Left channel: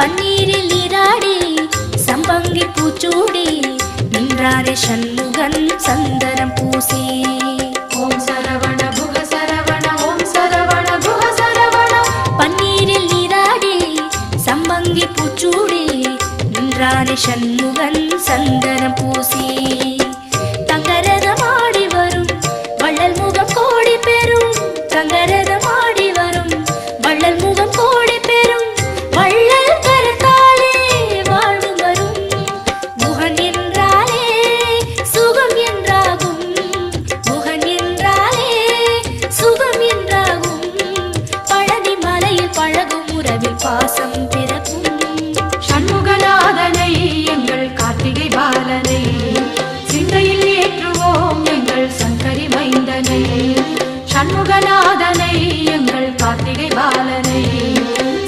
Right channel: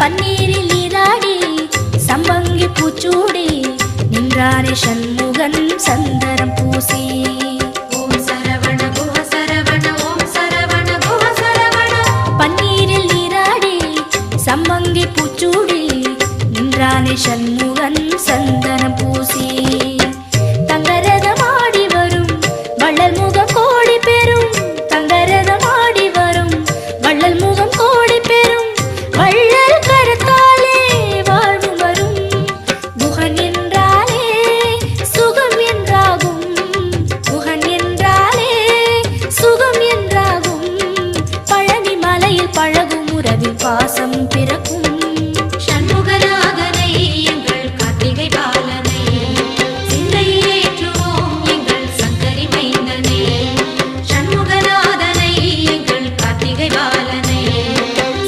பன்னீரில் நீராடி சம்பங்கி பூச்சூடி நின்றானே சண்முகன் சந்தனம் பூசி. ஓம் சரவண குஹ சரவண ஓம் சரவண குஹ சரவண. பன்னீரில் நீராடி சம்பங்கி பூச்சூடி நின்றானே சண்முகன் சந்தனம் பூசி. தங்கரதமாடி வரும் வள்ளல் முகம் கோடி பெறும். தங்கரதமாடி வரும் வள்ளல் முகம் கோடி பெறும். வள்ளல் கரத்தாலே வாழ்வு வரும். குஹன் என்றாலே சுகம் என்றாகும். குஹன் என்றாலே சுகம் என்றாகும். பழனி மலையில் பழகும் உறவில் பாசம் பிறக்கும். ஷண்முகநாதனை